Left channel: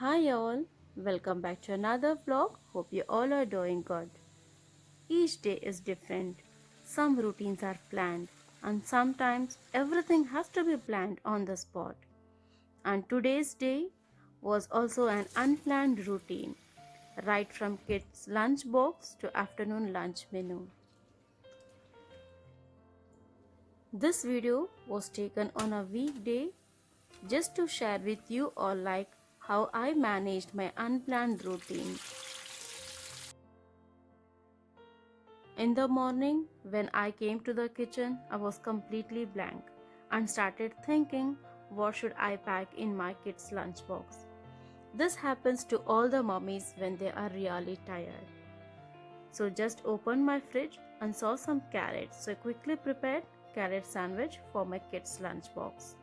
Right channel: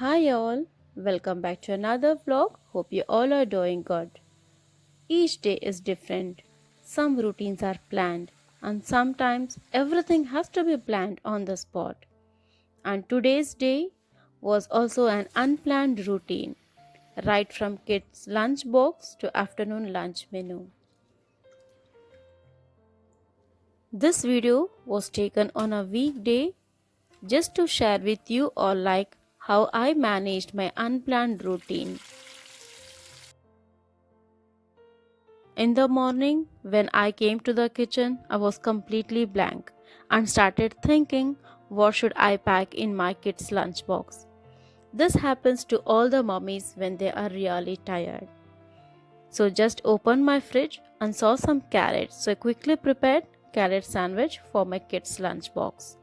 Hi all, welcome back to another vlog. Hope you all are doing good. Each day is different. Some routines are planned, and sometimes everything has to be planned on the spot. And today's day was also an unplanned routine, right from kids' lunch box to afternoon lunch menu. This video was taken on a weekday just to share with you all like how I managed my unplanned routine. In the morning, when I came to the kitchen, I was completely blank and started thinking, what should I pack in my kids' lunchbox? This happens to all the mummies when they are really tired. So just opened my fridge and saw some carrots. So I quickly prepared carrot sandwich for my kids' lunchbox.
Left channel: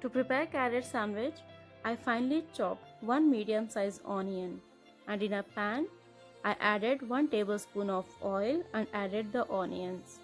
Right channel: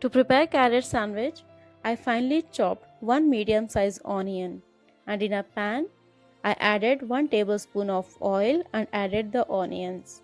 To prepare carrot sandwich, I finely chopped one medium-sized onion and in a pan I added 1 tablespoon of oil and added the onions.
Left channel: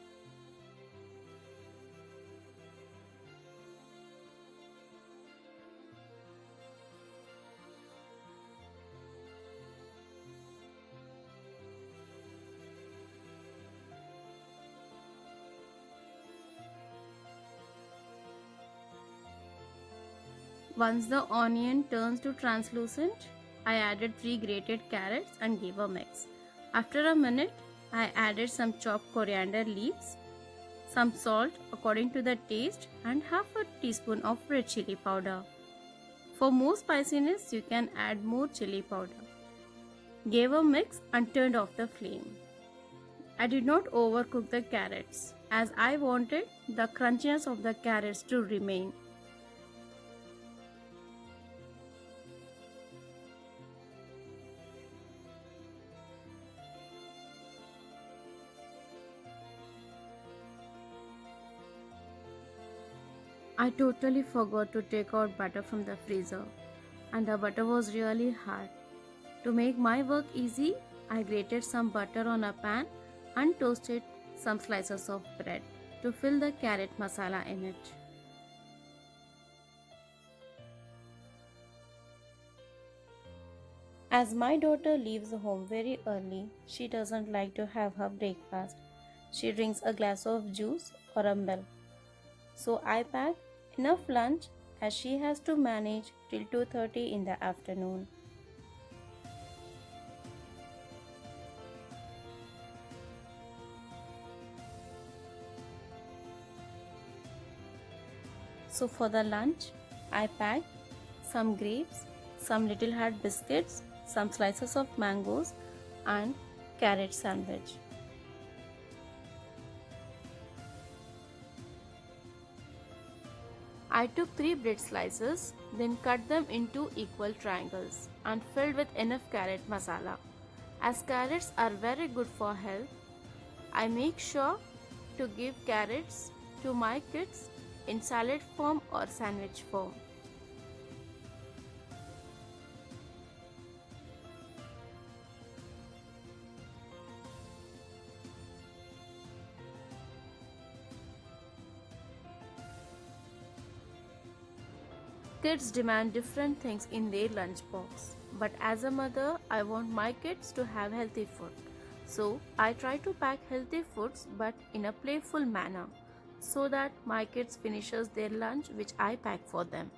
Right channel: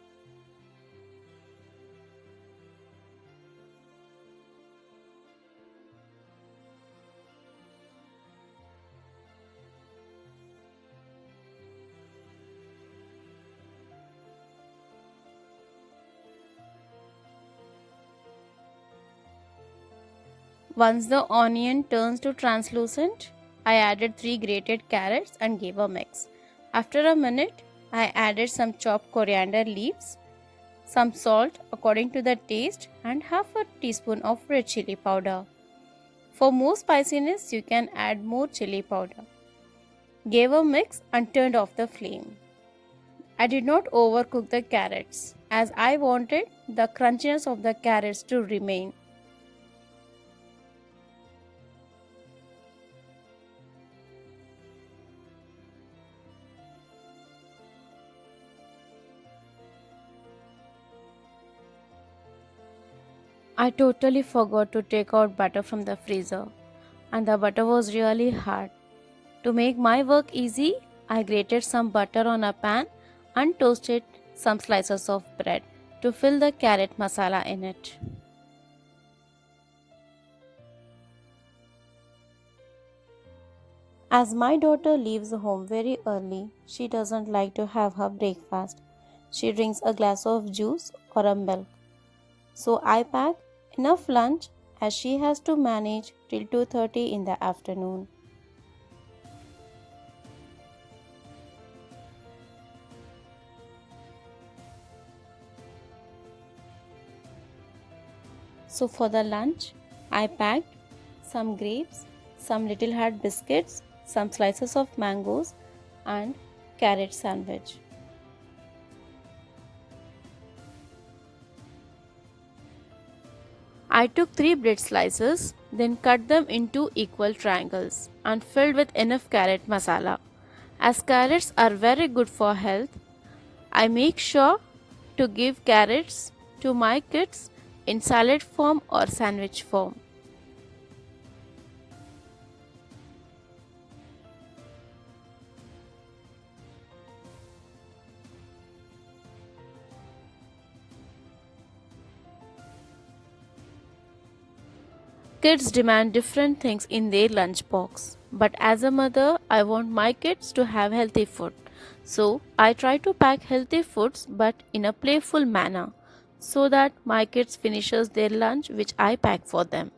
Once the onion turns to translucent, I added 3 grated carrots and gave a mix. After a minute, I added some chopped coriander leaves, some salt according to the taste and half a teaspoon of red chili powder. For more spiciness, you can add more chili powder. Gave a mix and turned off the flame. I did not overcook the carrots as I wanted the crunchiness of the carrots to remain. I totally forgot to take out butter from the freezer and the butter was really hard. To make my work easy, I grated some butter on a pan and toasted some slices of bread to fill the carrot masala in it. As my daughter leaves home very early, she doesn't like to have her breakfast. She drinks a glass of juice or a milk. So I pack enough lunch as she has to manage till 2:30 in the afternoon. So for the lunch, I packed some grapes, some little heart biscuits, some slices of mangoes and carrot sandwich. I took 3 bread slices, then cut them into equal triangles and filled with enough carrot masala. As carrots are very good for health, I make sure to give carrots to my kids in salad form or sandwich form. Kids demand different things in their lunchbox, but as a mother, I want my kids to have healthy food. So, I try to pack healthy foods but in a playful manner so that my kids finishes their lunch which I pack for them.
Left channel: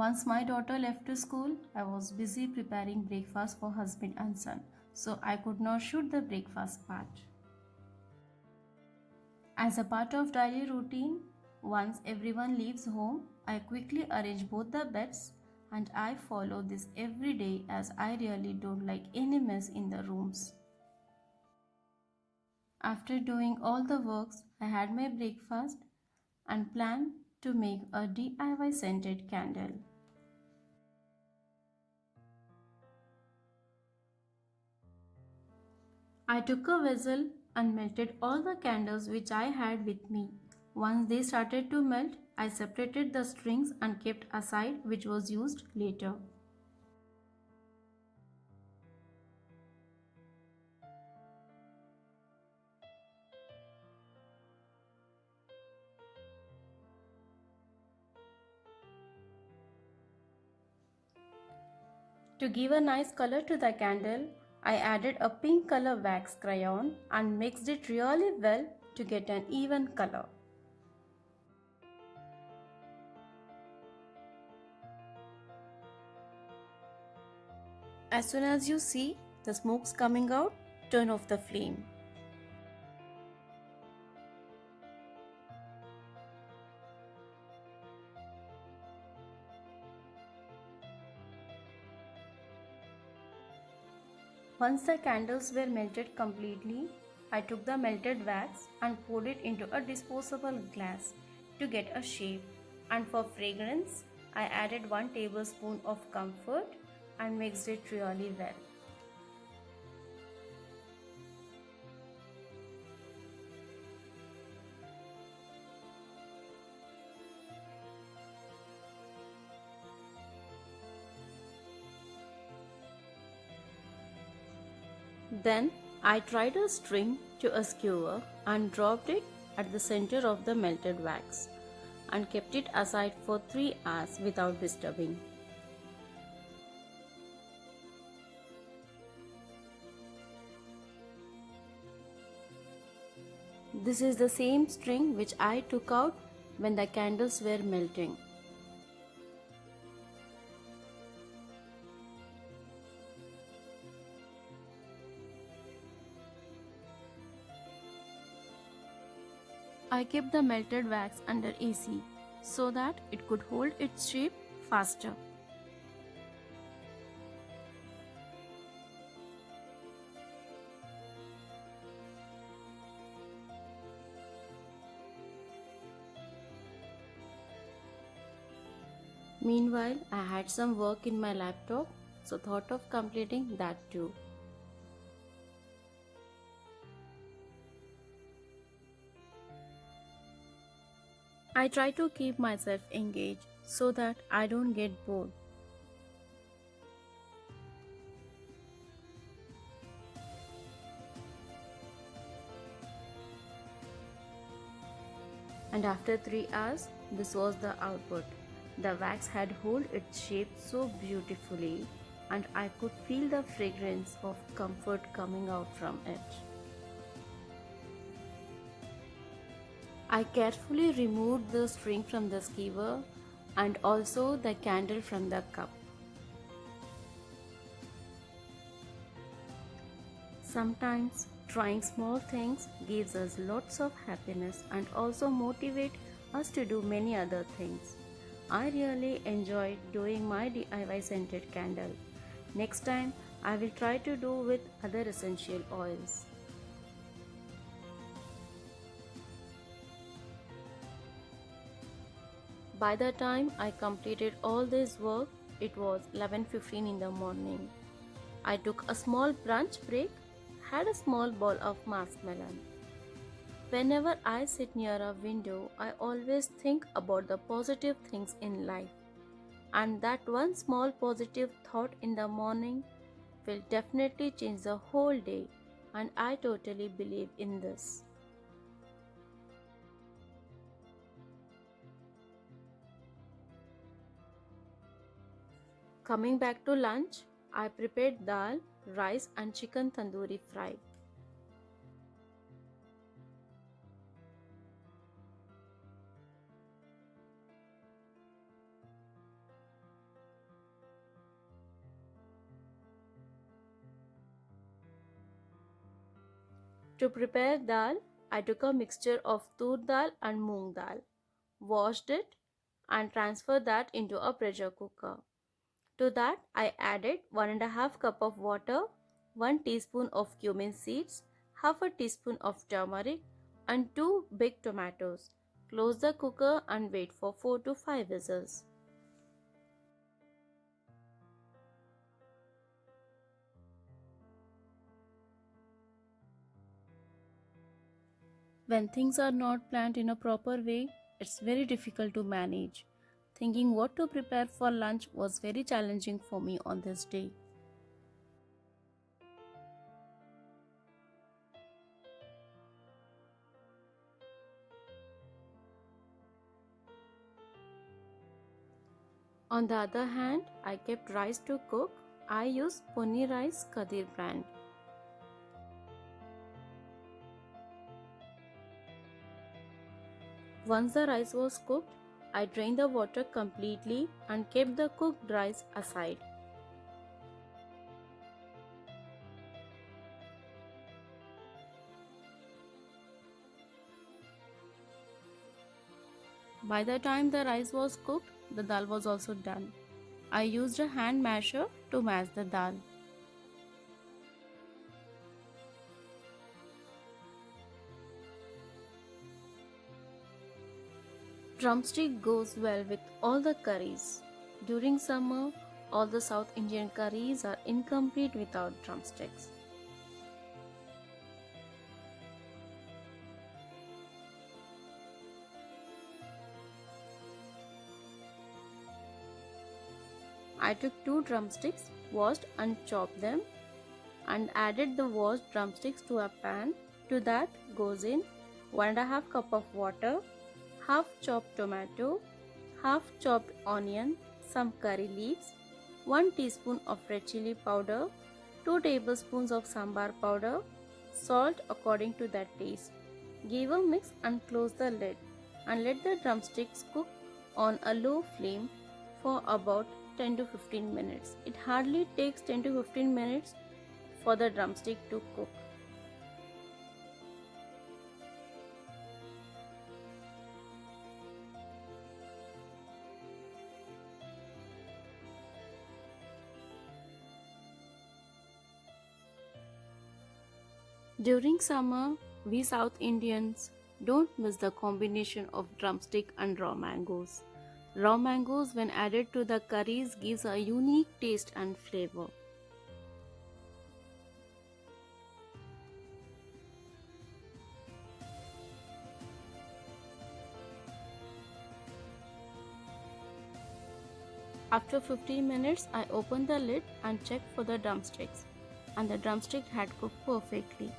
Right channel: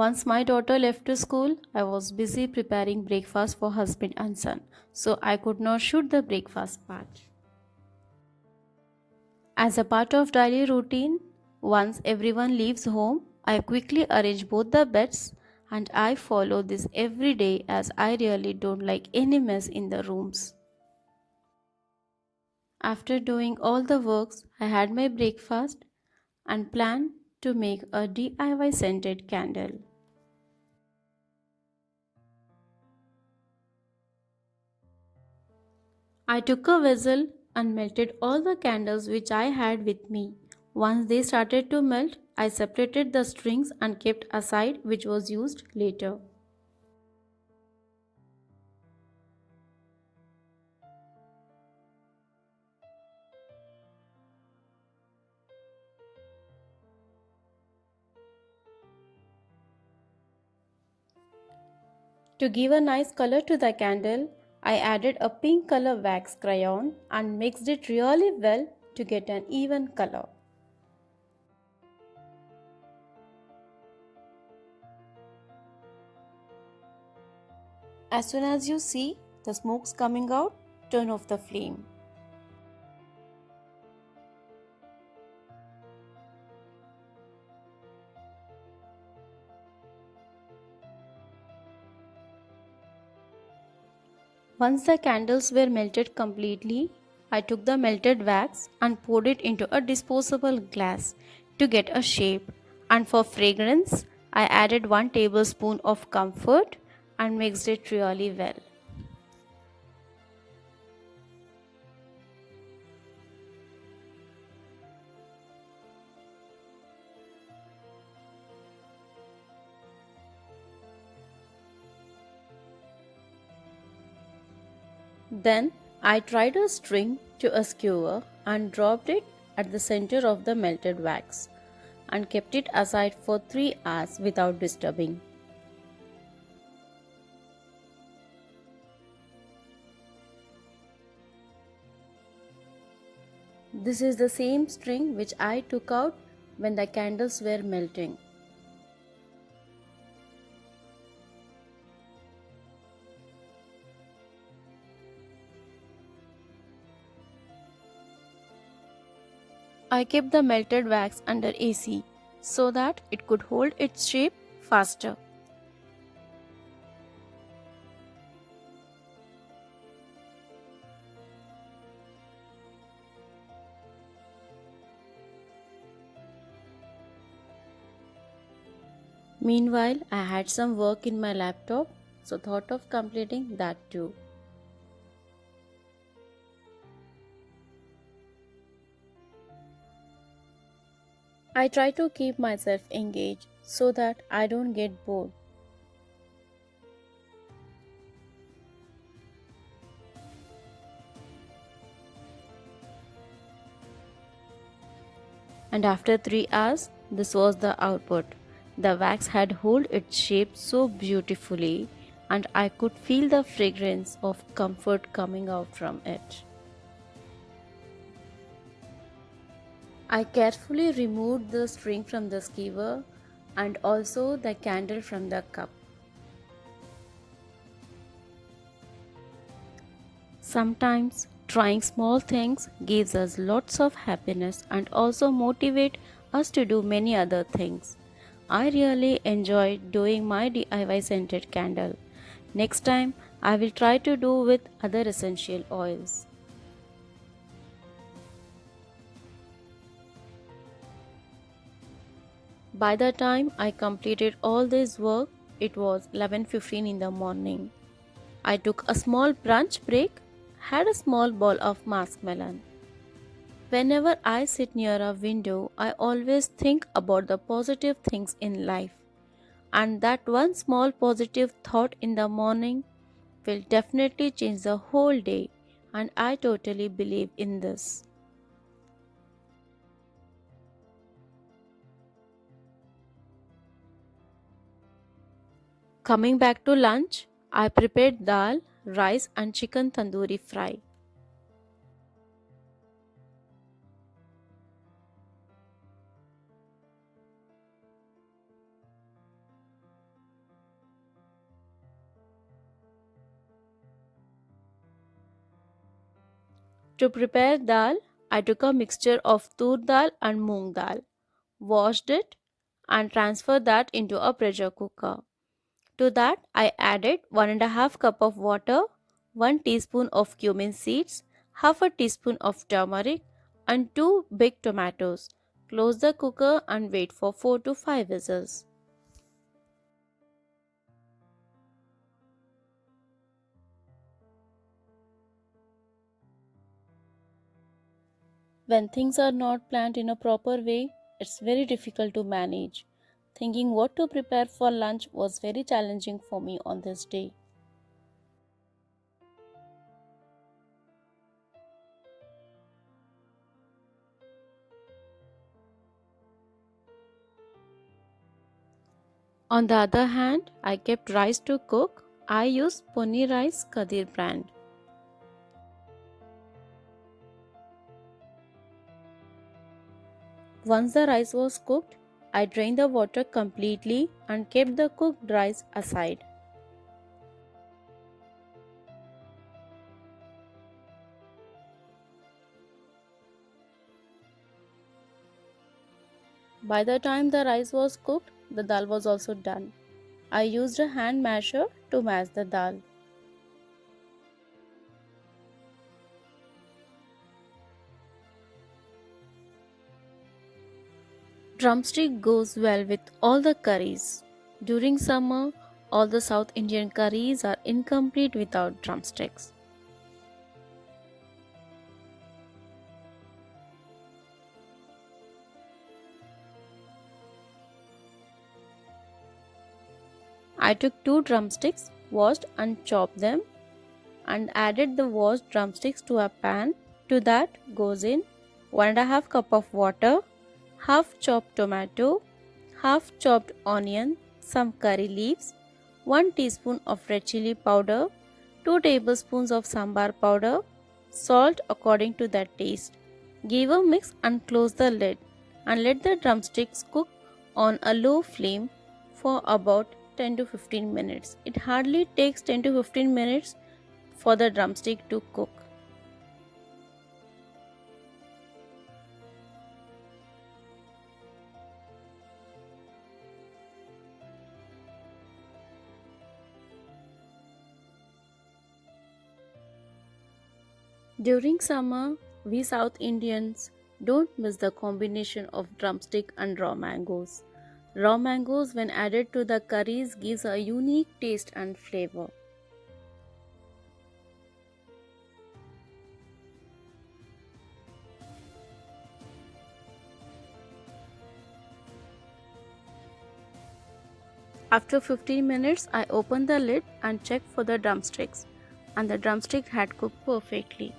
Once my daughter left to school, I was busy preparing breakfast for husband and son, so I could not shoot the breakfast part. As a part of daily routine, once everyone leaves home, I quickly arrange both the beds and I follow this every day as I really don't like any mess in the rooms. After doing all the works, I had my breakfast and planned to make a DIY scented candle. I took a vessel and melted all the candles which I had with me Once they started to melt, I separated the strings and kept aside which was used later. To give a nice color to the candle, I added a pink color wax crayon and mixed it really well to get an even color. As soon as you see the smokes coming out, turn off the flame. Once the candles were melted completely, I took the melted wax and poured it into a disposable glass to get a shape. And for fragrance, I added 1 tablespoon of comfort and mixed it really well. Then I tied a string to a skewer and dropped it at the center of the melted wax and kept it aside for 3 hours without disturbing. This is the same string which I took out when the candles were melting. I kept the melted wax under AC so that it could hold its shape faster. Meanwhile, I had some work in my laptop, so thought of completing that too. I try to keep myself engaged so that I don't get bored. And after 3 hours, this was the output. The wax had held its shape so beautifully, and I could feel the fragrance of comfort coming out from it. I carefully removed the string from the skewer and also the candle from the cup. Sometimes trying small things gives us lots of happiness and also motivate us to do many other things. I really enjoyed doing my DIY scented candle. Next time I will try to do with other essential oils. By the time I completed all this work, it was 11:15 in the morning. I took a small brunch break, had a small bowl of muskmelon. Whenever I sit near a window, I always think about the positive things in life, and that one small positive thought in the morning will definitely change the whole day, and I totally believe in this. Coming back to lunch, I prepared dal, rice, and chicken tandoori fry. To prepare dal, I took a mixture of tur dal and moong dal, washed it, and transferred that into a pressure cooker. To that, I added 1.5 cup of water, 1 teaspoon of cumin seeds, half a teaspoon of turmeric, and 2 big tomatoes. Close the cooker and wait for 4 to 5 whistles. When things are not planned in a proper way, it's very difficult to manage. Thinking what to prepare for lunch was very challenging for me on this day. On the other hand, I kept rice to cook. I used Pony Rice Kadir brand. Once the rice was cooked, I drained the water completely and kept the cooked rice aside. By the time the rice was cooked, the dal was also done. I used a hand masher to mash the dal. Drumstick goes well with all the curries. During summer, all the South Indian curries are incomplete without drumsticks. I took two drumsticks, washed and chopped them, and added the washed drumsticks to a pan. To that goes in 1.5 cup of water, half chopped tomato, half chopped onion, some curry leaves, 1 teaspoon of red chili powder, 2 tablespoons of sambar powder, salt according to their taste. Give a mix and close the lid and let the drumsticks cook on a low flame for about 10 to 15 minutes. It hardly takes 10 to 15 minutes for the drumstick to cook. During summer, we South Indians don't miss the combination of drumstick and raw mangoes. Raw mangoes, when added to the curries, gives a unique taste and flavor. After 15 minutes, I opened the lid and checked for the drumsticks, and the drumstick had cooked perfectly.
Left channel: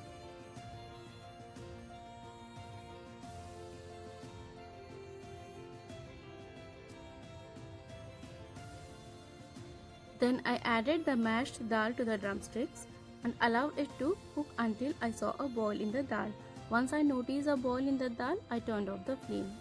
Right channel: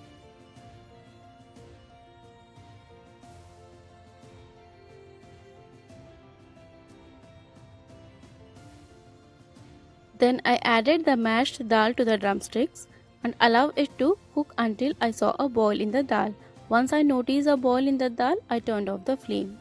Then I added the mashed dal to the drumsticks and allowed it to cook until I saw a boil in the dal. Once I noticed a boil in the dal, I turned off the flame.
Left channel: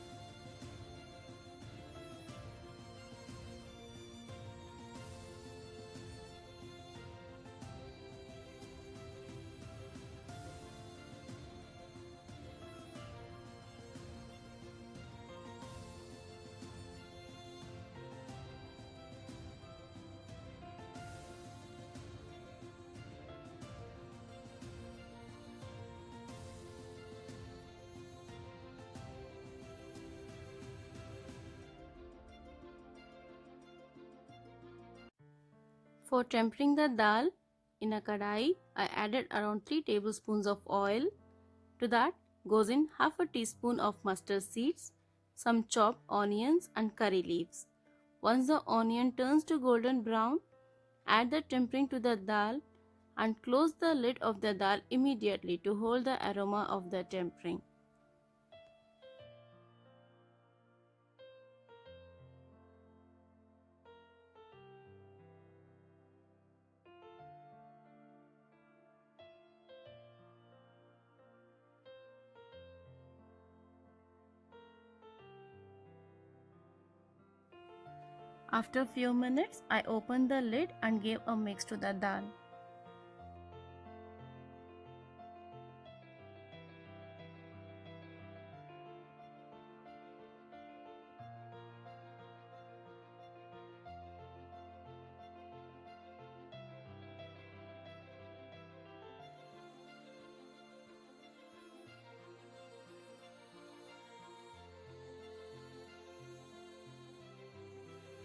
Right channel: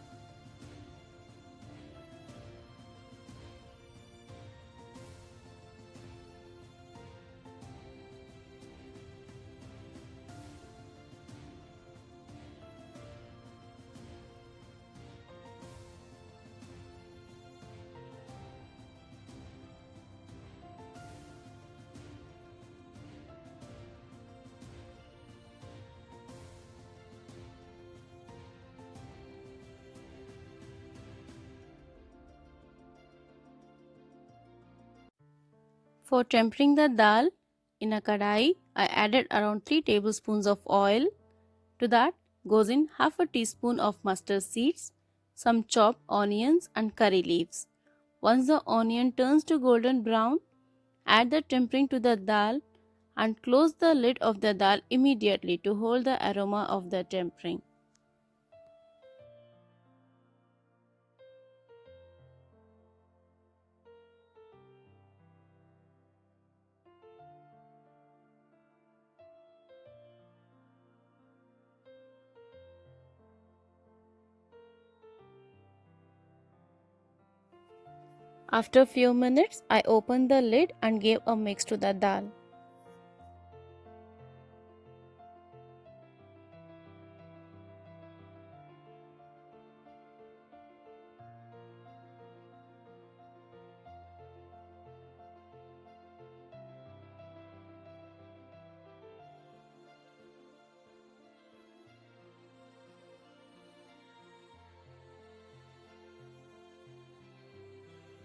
For tempering the dal in a kadai, I added around 3 tablespoons of oil. To that goes in half a teaspoon of mustard seeds, some chopped onions and curry leaves. Once the onion turns to golden brown, add the tempering to the dal and close the lid of the dal immediately to hold the aroma of the tempering. After a few minutes, I opened the lid and gave a mix to the dal.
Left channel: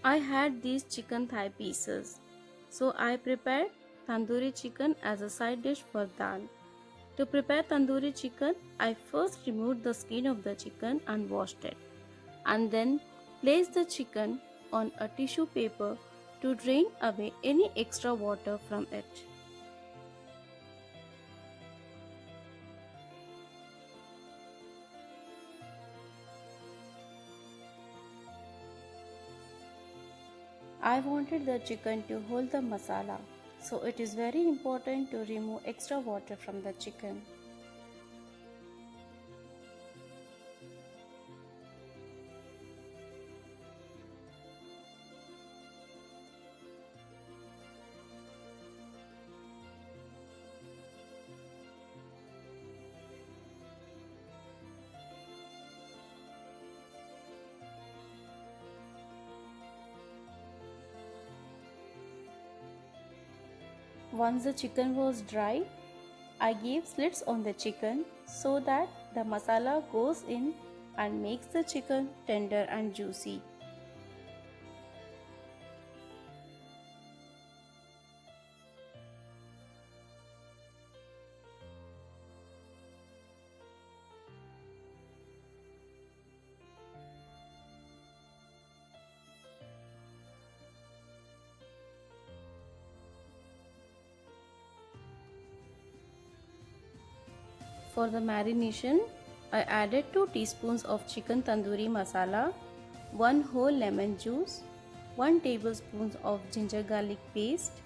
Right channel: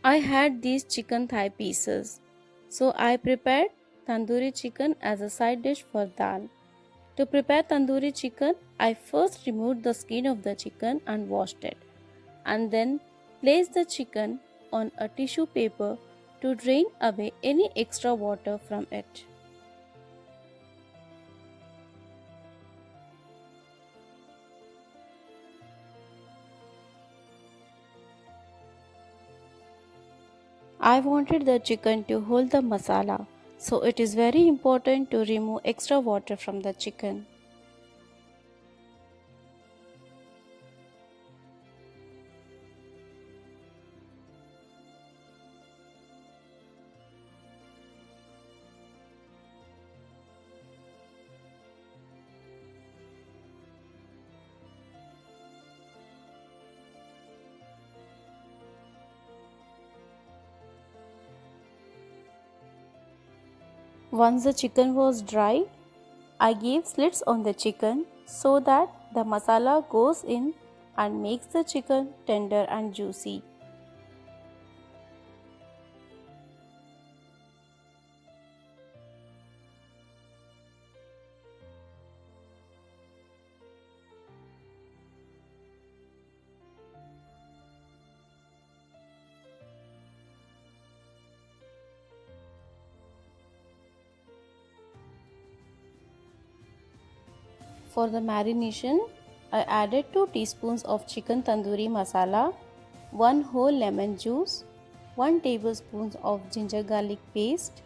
I had these chicken thigh pieces, so I prepared tandoori chicken as a side dish for dal. To prepare tandoori chicken, I first removed the skin of the chicken and washed it, and then placed the chicken on a tissue paper to drain away any extra water from it. I wanted the chicken to hold the masala, so it is very important to remove extra water from the chicken. Once the chicken was dry, I gave slits on the chicken so that the masala goes in and makes the chicken tender and juicy. For the marination, I added 2 teaspoons of chicken tandoori masala, 1 whole lemon juice, 1 tablespoon of ginger garlic paste,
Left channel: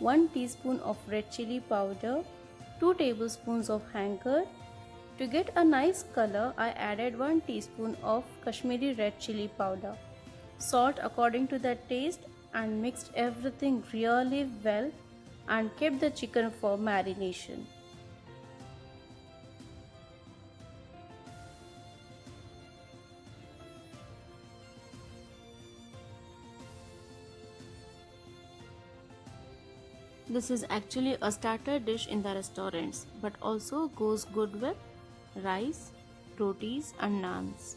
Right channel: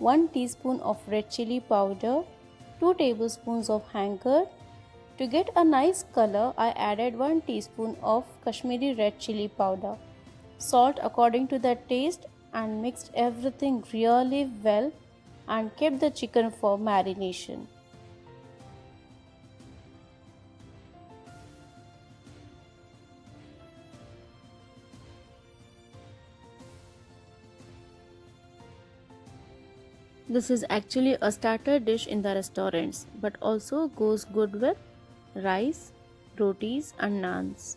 1 teaspoon of red chili powder, 2 tablespoons of hang curd. To get a nice color, I added 1 teaspoon of Kashmiri red chili powder, salt according to the taste, and mixed everything really well and kept the chicken for marination. This is actually a starter dish in the restaurants, but also goes good with rice, rotis, and naans.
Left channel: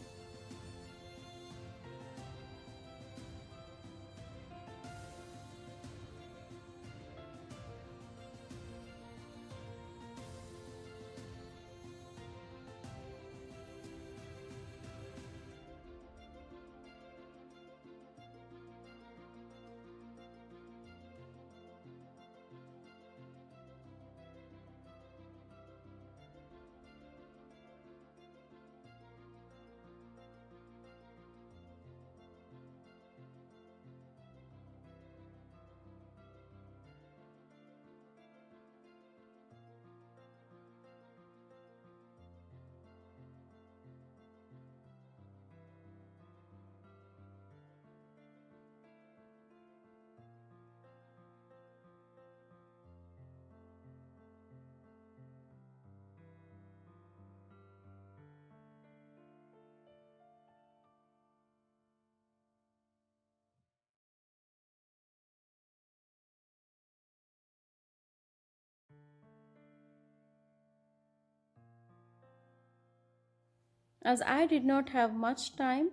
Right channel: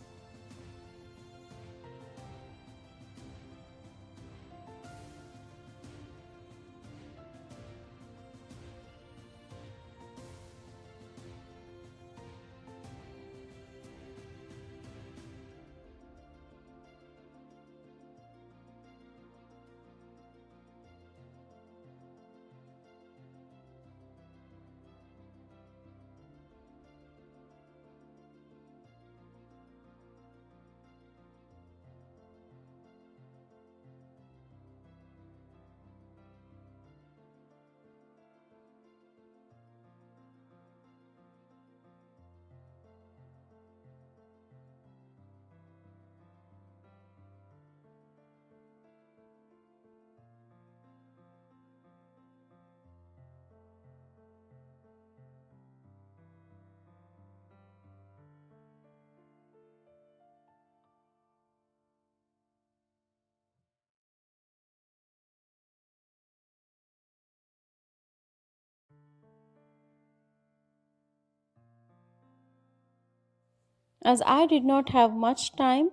As I did not have much time,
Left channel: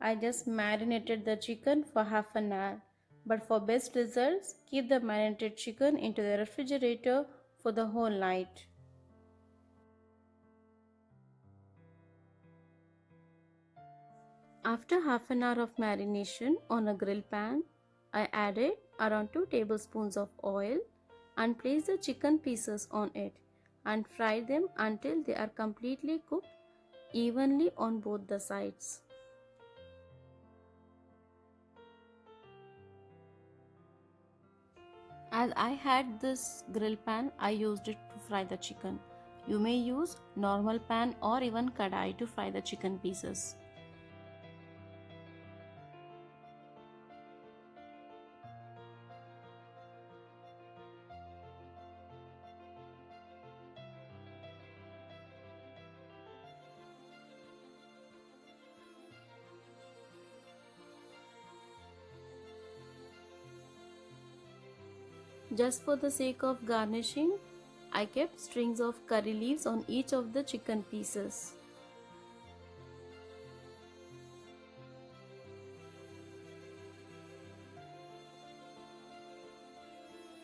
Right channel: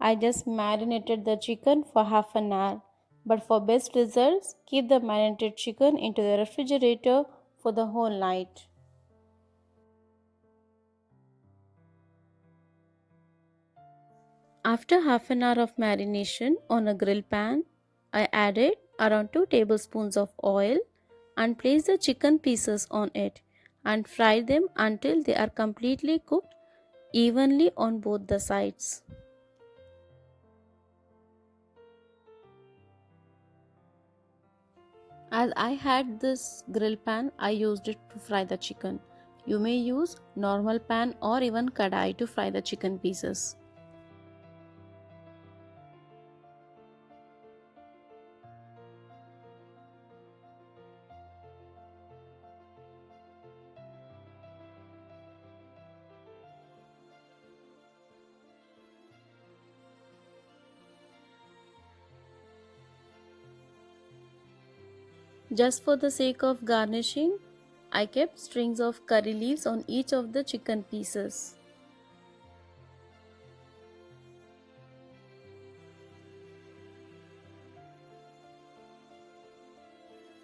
I just marinated the chicken for half an hour. But for best results, keep the marinated chicken into the refrigerator for the whole night. After half an hour of marination on a grill pan, I added around 2 tablespoons of oil and placed the chicken pieces on it and fried them until they are completely cooked evenly on both the sides. As I had this grill pan, I used it to fry the chicken. You may use normal pan or even kadai to fry the chicken pieces. Just for the sake of garnishing, I kept strings of curry leaves on each of the chicken pieces.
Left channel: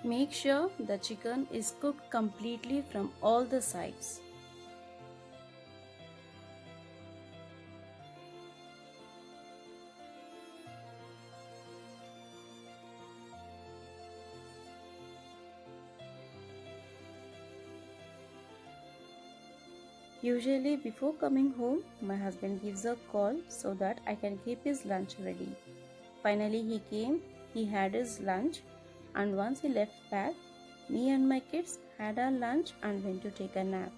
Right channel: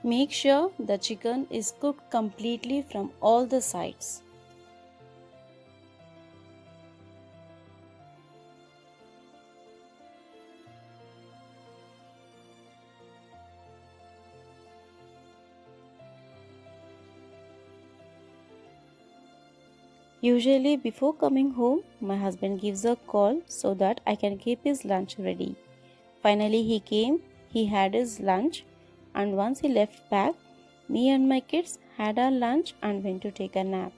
Make sure the chicken is cooked completely from all the sides. Usually, before coming home, my husband gives a call so that I can keep his lunch ready. Finally, he came, he had his lunch, and once he left back, me and my kids had our lunch and went to take a nap.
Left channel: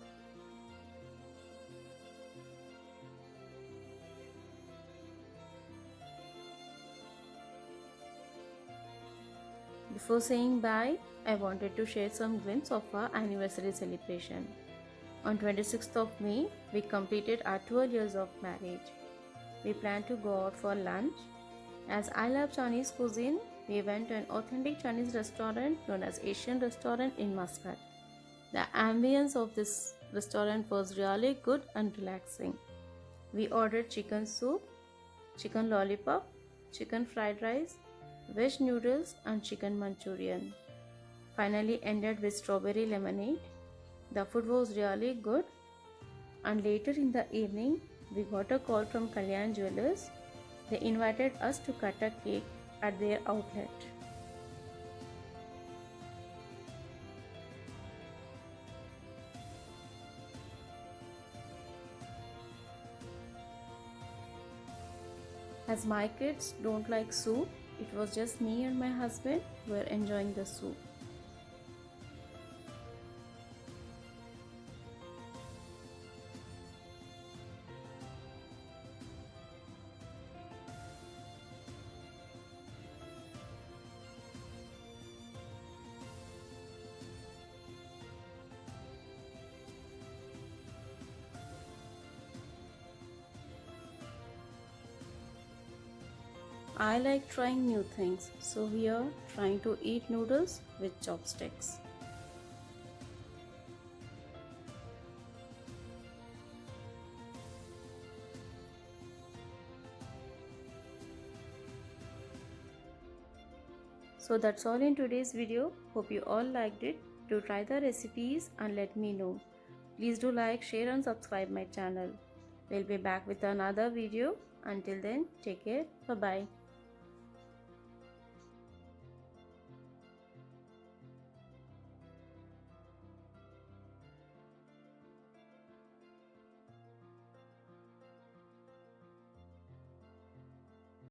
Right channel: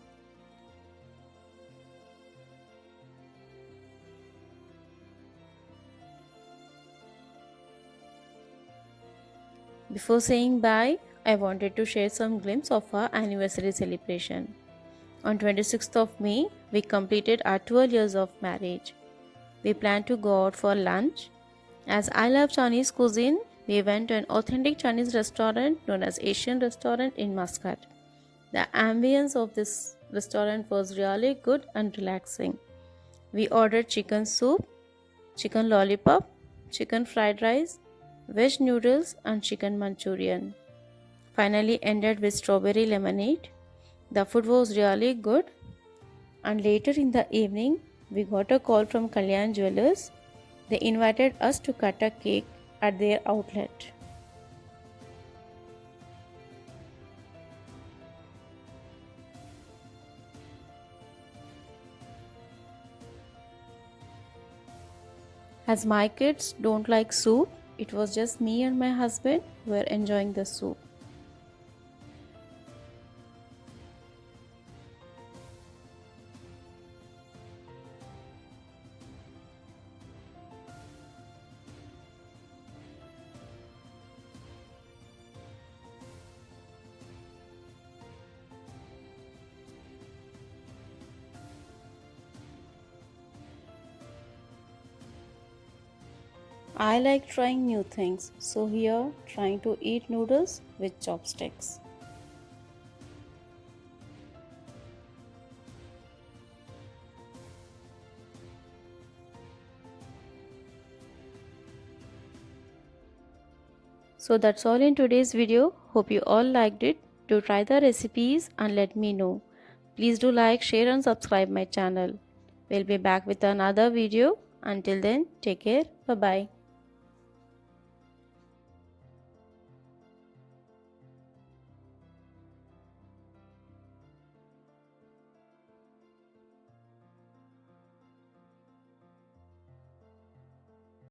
Before saying bye, I wanted to share some glimpse of our anniversary celebration. On 26th of May, we completed our 12 years of marriage. We planned to go out for lunch. As I love Chinese cuisine, we went to an authentic Chinese restaurant known as Asian Restaurant in Muscat. The ambience of this restaurant was really good and relaxing. We ordered chicken soup, chicken lollipop, chicken fried rice, veg noodles, and chicken Manchurian. Finally, ended with strawberry lemonade. The food was really good, and later in the evening, we got a call from Kalyan Jewelers. They invited us to cut a cake at their outlet. As my kids don't like soup, it was just me and my husband who were enjoying the soup. I like trying new things, so here trying to eat noodles with chopsticks. So that's all in today's video. Hope you all liked it. Do try the recipes and let me know. Please do like, share and subscribe my channel. We'll be back with another video. Until then, take care. Bye bye.